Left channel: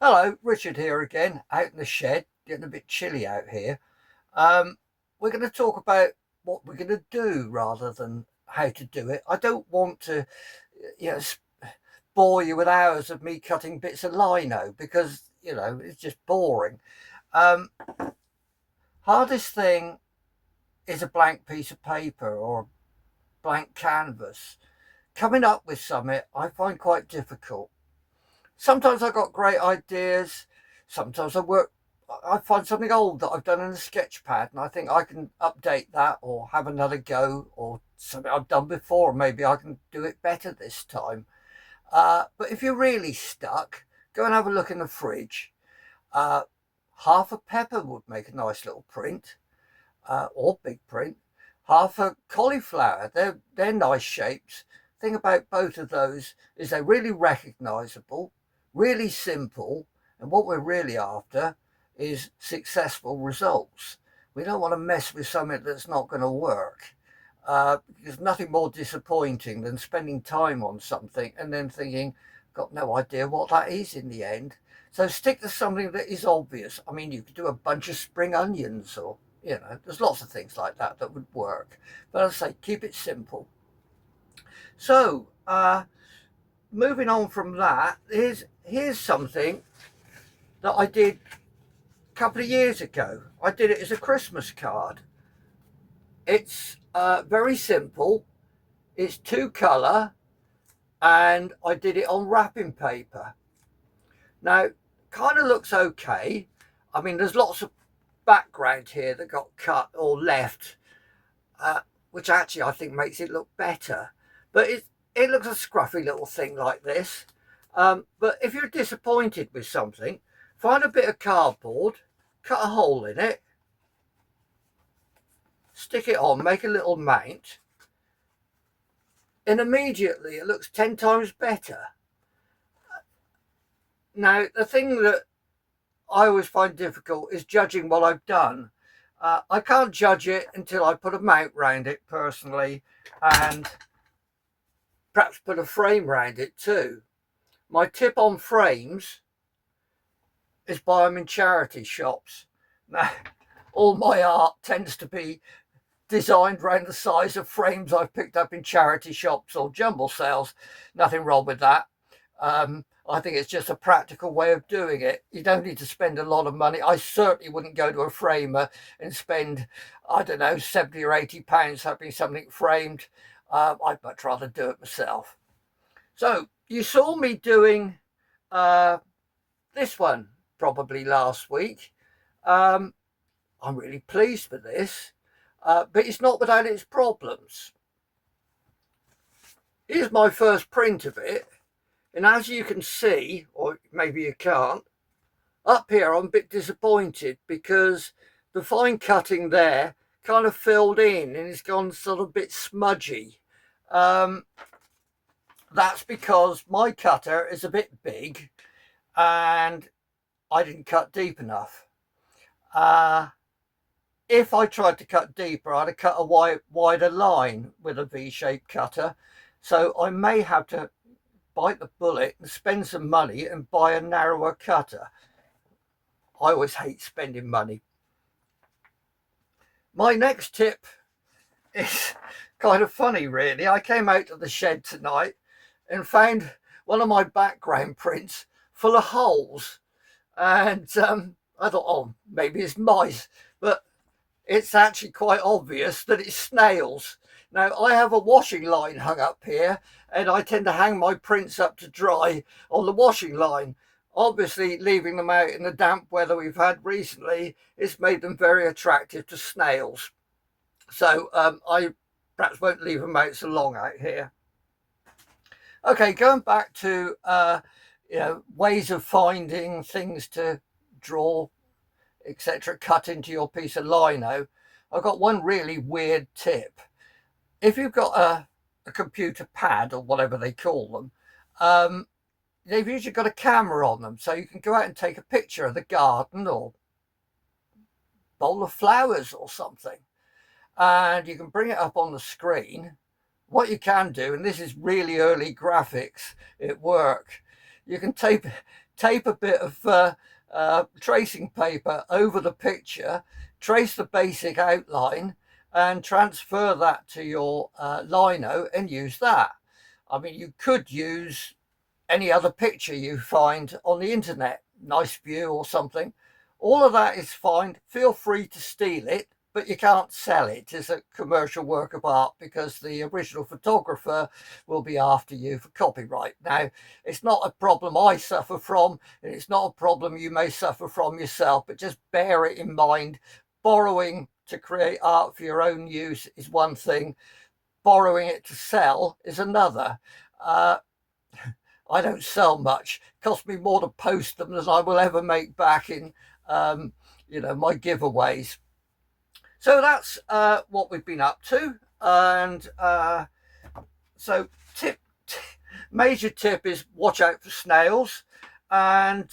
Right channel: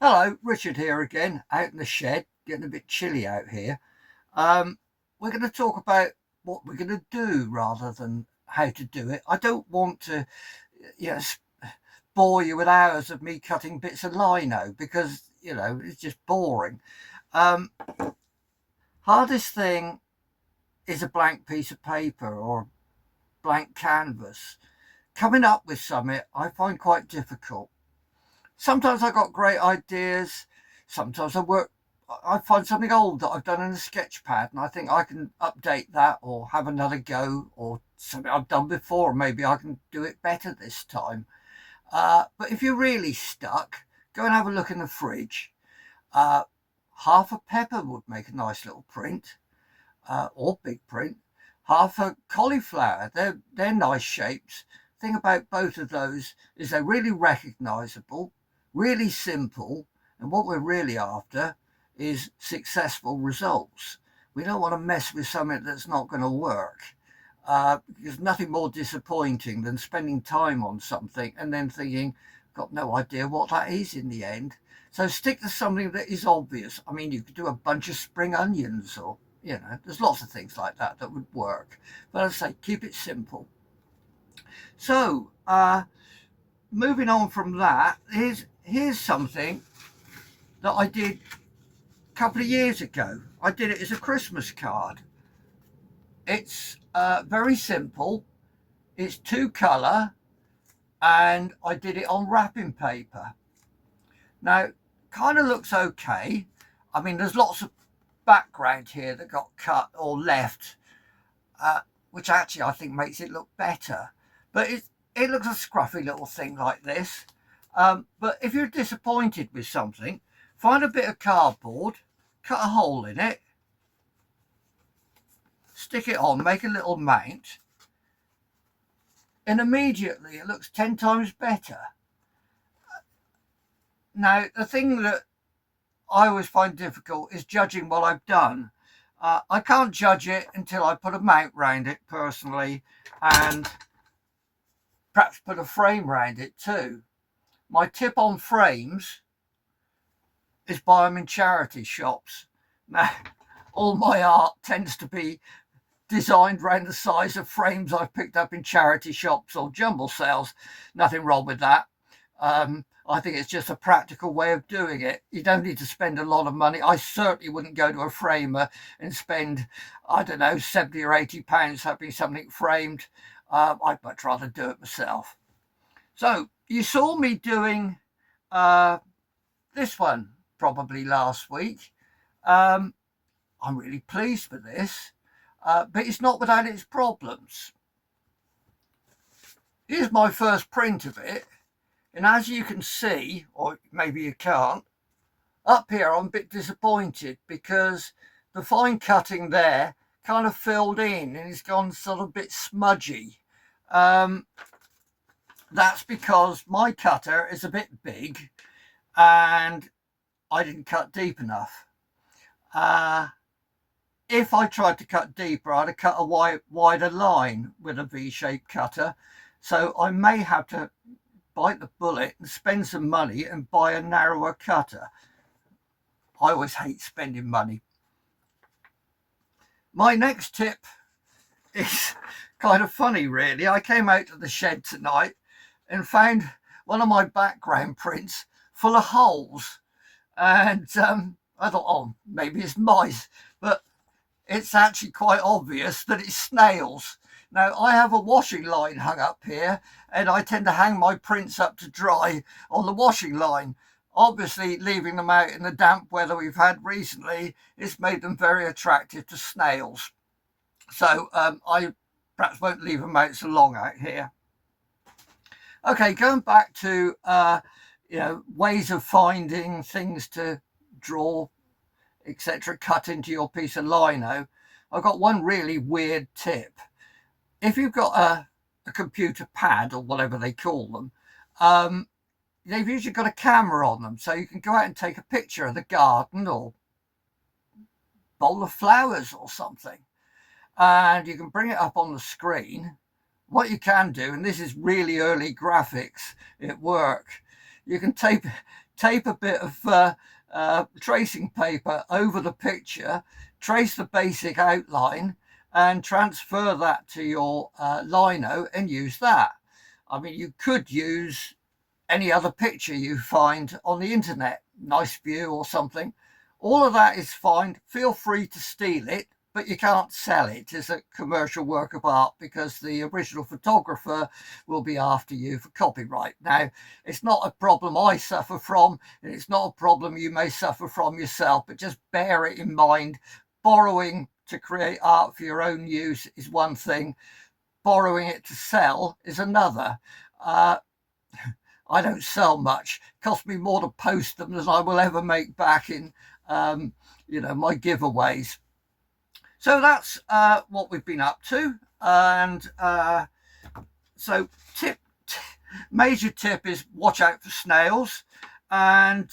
Hello, Richard here again, out in the shed, getting a bit chilly out here. Um, we're going to talk about what we're going to do rather than how to do it. I don't want to, you know, bore you with hours of me cutting bits of lino because, it's just boring. Um, Hardest thing is a blank piece of paper or a blank canvas. Coming up with something I find quite difficult. Sometimes I got great ideas. Sometimes I find something old that I've done in a sketch pad and I think I can update that or have another go or something I've done before. Maybe I can do it better this time. But if you're really stuck, go and have a look in the fridge. Uh, Half a pepper would make a nice little print, or big print. Half a cauliflower, they're nice shapes. Thing about both of those is they're really recognizable, really simple, and what we're really after is successful results. We don't want to mess with something that's not going to work. There's nothing more disappointing than spending time on something and then thinking, got no idea what that is in the end. So stick to something that is obvious. I mean, you could do a bunch of spring onions or there's lots of things like that that would work. But as I say, keep it simple. So, moving on from that, here's something that I did a couple of years ago. I did it as a Christmas card. It's very simple. It's two colour, and I did it on wrapping paper. Now, kind of looks okay. I mean, there's lots of background here that got cut or left, uh, which actually I think makes it look better. But it looks a scruffy little thing like this. But if you're disappointed with something, find a bit of cardboard, cut a hole in it, stick it on, make a little mount, and immediately it looks 10 times better. Now, the thing that I always find difficult is judging what I've done. I can't judge it until I put a mount round it personally and perhaps put a frame round it too. My tip on frames is buy them in charity shops. Now, all my art tends to be designed around the size of frames I've picked up in charity shops or jumble sales. Nothing wrong with that. I think it's just a practical way of doing it. You don't need to spend a lot of money. I certainly wouldn't go to a framer and spend, I don't know, 70 or 80 pounds having something framed. I'd much rather do it myself. So you saw me doing uh, this one probably last week. Um, I'm really pleased with this, but it's not without its problems. Here's my first print of it, and as you can see, or maybe you can't, up here I'm a bit disappointed because the fine cutting there kind of filled in and it's gone sort of a bit smudgy. Um, that's because my cutter is a bit big and I didn't cut deep enough. Uh, if I tried to cut deeper, I'd have cut a wider line with a V-shaped cutter. So I may have to bite the bullet and spend some money and buy a narrower cutter. I always hate spending money. My next tip is kind of funny, really. I came out to the shed tonight and found one of my background prints full of holes. And I thought, oh, maybe it's mice. But it's actually quite obvious that it's snails. Now, I have a washing line hung up here, and I tend to hang my prints up to dry on the washing line. Obviously, leaving them out in the damp weather we've had recently, it's made them very attractive to snails. So I perhaps won't leave them out so long out here. Okay, going back to ways of finding things to draw, etc., cut into your piece of lino. I've got one really weird tip. If you've got a computer pad or whatever they call them, they've usually got a camera on them, so you can go out and take a picture of the garden or bowl of flowers or something, and you can bring it up on the screen. What you can do, and this is really early graphics at work, you can tape a bit of tracing paper over the picture, trace the basic outline, and transfer that to your lino and use that. I mean, you could use any other picture you find on the internet, nice view or something. All of that is fine. Feel free to steal it, but you can't sell it as a commercial work of art because the original photographer will be after you for copyright. Now, it's not a problem I suffer from, and it's not a problem you may suffer from yourself, but just bear it in mind. Borrowing to create art for your own use is one thing, borrowing it to sell is another. I don't sell much. It costs me more to post them than I will ever make back in, my giveaways. So that's what we've been up to. And so major tip is watch out for snails and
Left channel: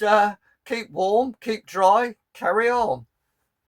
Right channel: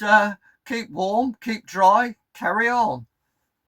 keep warm, keep dry, carry on.